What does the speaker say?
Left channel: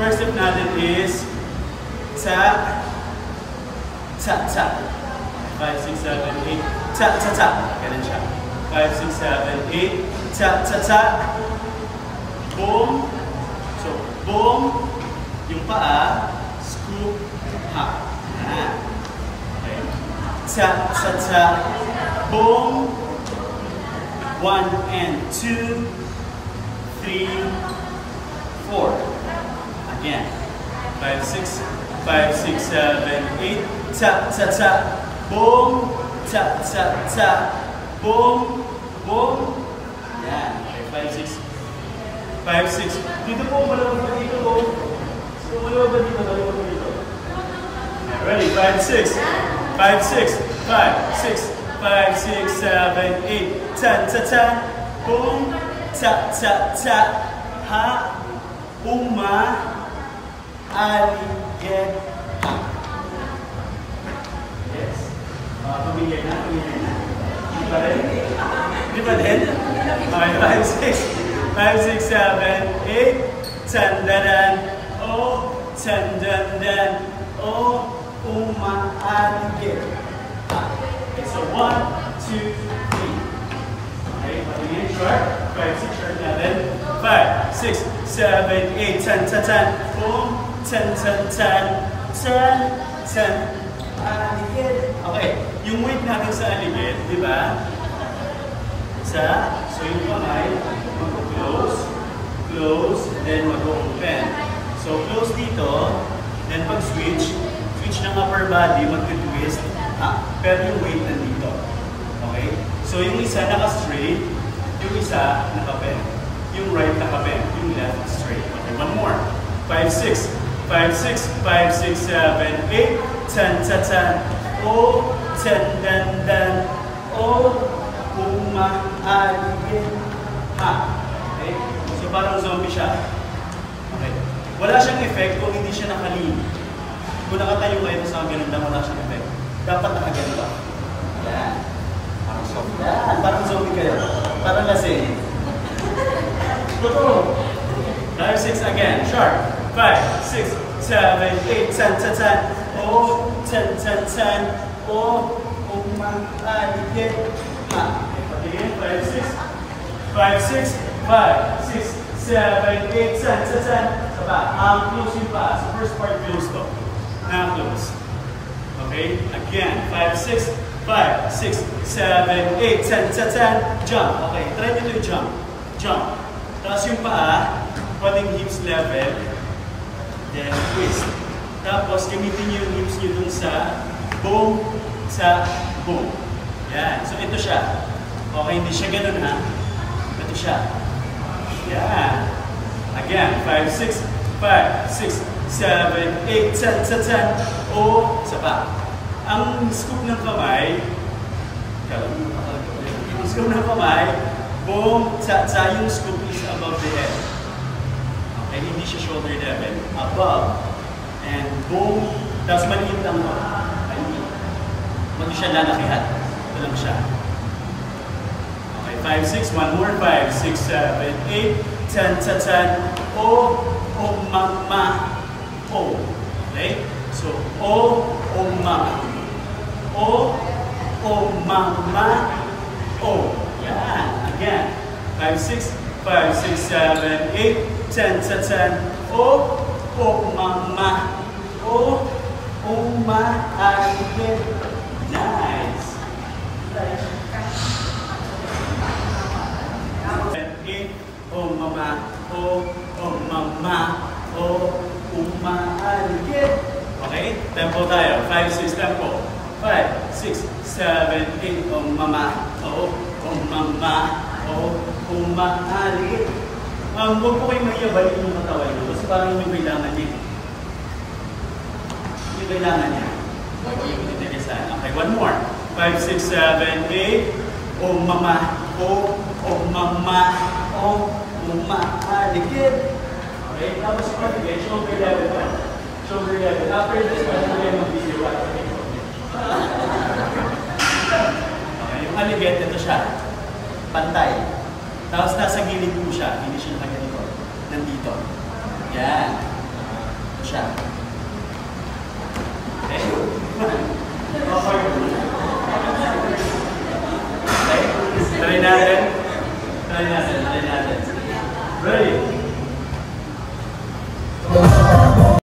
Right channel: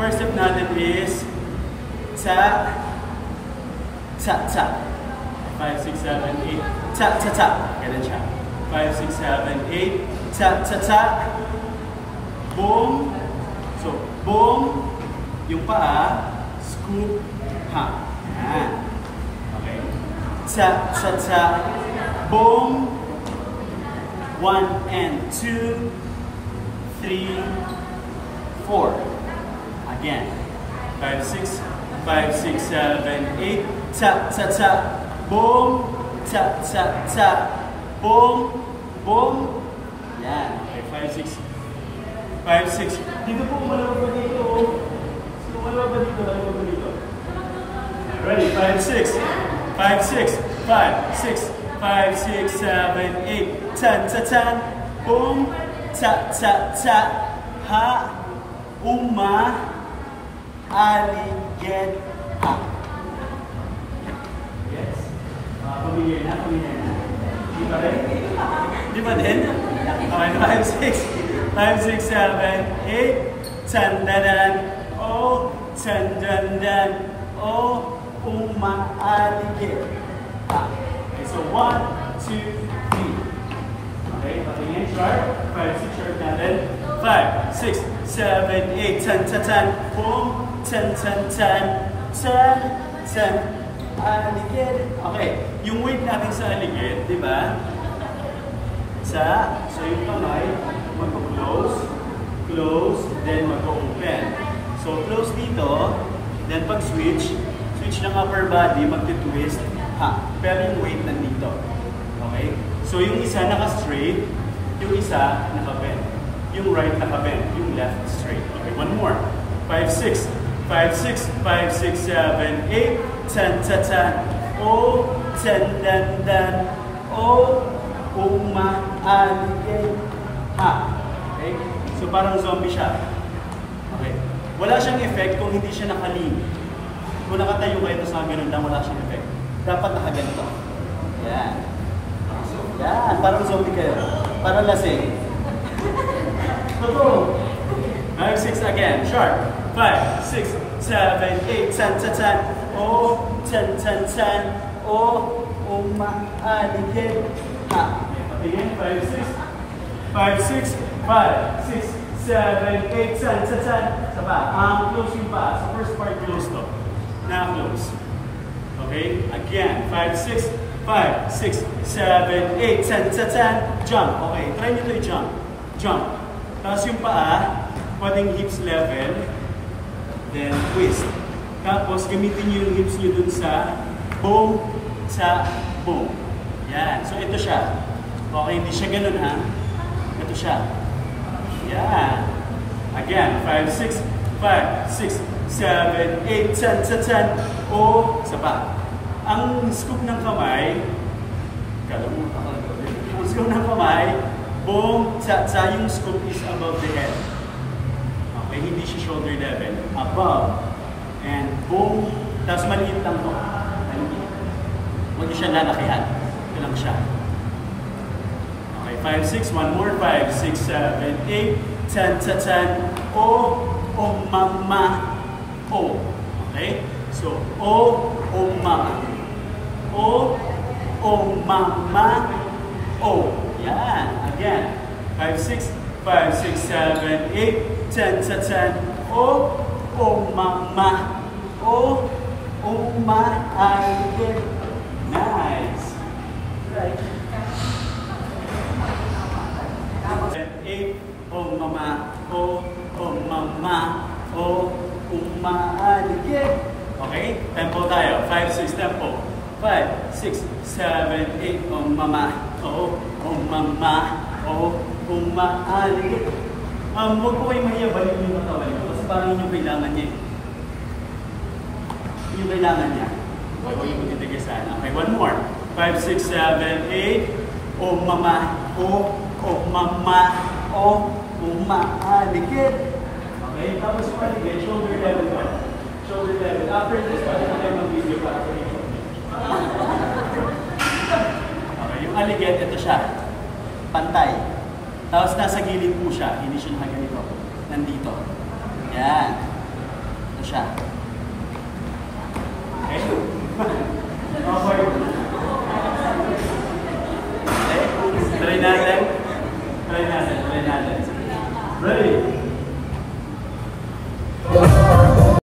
first step natin is ta, ta, ta. 5, 6, 7, 8, ta, ta, ta. Ganun siya. 5, 6, 7, 8, ta, ta, ta. Boom. So, boom. Yung paa, scoop, ha. Okay. Ta, ta, ta. Boom. 1 and 2, 3, 4. Again. 5, 6, 5, 6, 7, 8. Ta, ta, ta. Boom. Ta, ta, ta. Boom. Boom. Yan. Okay, 5, 6. 5, 6. Dito po, malawag ba dito? So, malawag ba dito? Malawag ba dito? Ready? 5, 6. 5, 6. 5, 6. 5, 6, 7, 8, 10, ta, ta, boom, ta, ta, ta, ha, uma, aligid, ha. Yes. Tumingin na, tumingin na. Di ba rin? Di ba rin? Okay, 5, 6, 7, 8, tandanan, o, tandanan, o, uma, aligid, ha. So 1, 2, 3. Okay, again, sharp. 5, 6, sharp, 7. 5, 6, 7, 8, 10, 10, 10. Boom, 10, 10, 10, 10, 10. Aligid. Okay, yung weight natin sa aligid, di ba? So yung kamay, mag-close, close, then mag-open. So close dito, then pag-switch, switch ng upper body, mag-twist. Pero yung weight nandito. Okay? So yung isa naka-straight, yung isa naka-bend. Yung right naka-bend, yung left straight. Okay, one more. 5, 6. 5, 6, 5, 6, 7, 8, 10, 10, 10. O, 10, dan, dan. O, umaaligid. Okay? So parang zombie siya. Okay? Wala siyang effect kung hindi siya nakalinig. Kung nakatayo kayo sa ganun lang, wala siyang effect. Dapat nakaganito. Yan. Parang zombie. Yan. Parang zombie kayo. Parang lasing. Go. 5, 6 again. Sharp. 5, 6, 7, 8, 10, 10, 10. O, 10, 10, 10. O, umaaligid. Ha. Again. 5, 6. 5, 6. 5, 6, 7, 8, 10, 10. Saba. Close yung pa. Sa first part, close to. Now close. Okay, again, 5, 6, 5, 6, 7, 8, 10, 10, 10, jump. Okay, try nyo to jump. Jump. Tapos yung paa, pwedeng hips level, then twist. Tapos gamitin nyo yung hips nyo dun sa boom, sa boom. Yan, so ito siya. Okay, hindi siya ganun ha. Ito siya. Yan. Again, 5, 6, 5, 6, 7, 8, 10, 10, 10. O, isa pa. Ang scoop ng kamay, ang scoop ng kamay, boom, sa yung scoop is above the head. Okay, hindi siya shoulder level. Above, and boom, tapos maliit lang mo. Maliit. Huwag siya lalakihan. Ito lang siya. Okay, 5, 6, one more, 5, 6, 7, 8, 10, 10, 10. O, mama, O. Okay? So, O, mama. O, mama, O. Yan. Again. 5, 6, 5, 6, 7, 8, 10, 10, 10. O, mama. O, umaaligid. Nice. 8, O, mama. O, mama. O, umaaligid. Okay? Tempo tayo. 5, 6, tempo. 5, 6, 7, 8, O, mama. O, mama. O, umaaligid. Huwag po kayo mahiyabalin yung katawan nyo kasi parang yun yung kailangan niya. Yung kailangan niya. Okay, one more. 5, 6, 7, 8. O, mama. O, mama. O, umaaligid. Okay, tapos okay, shoulder level pa. Shoulder level. After this, pwede na kayo mag-video pa. Okay, yung aligid, ito siya. Pantay. Tapos nasa gilid po siya. Hindi siya nakaganito. Nandito. Yan. Ito siya. Okay? Okay? Tuloy natin. Tuloy natin.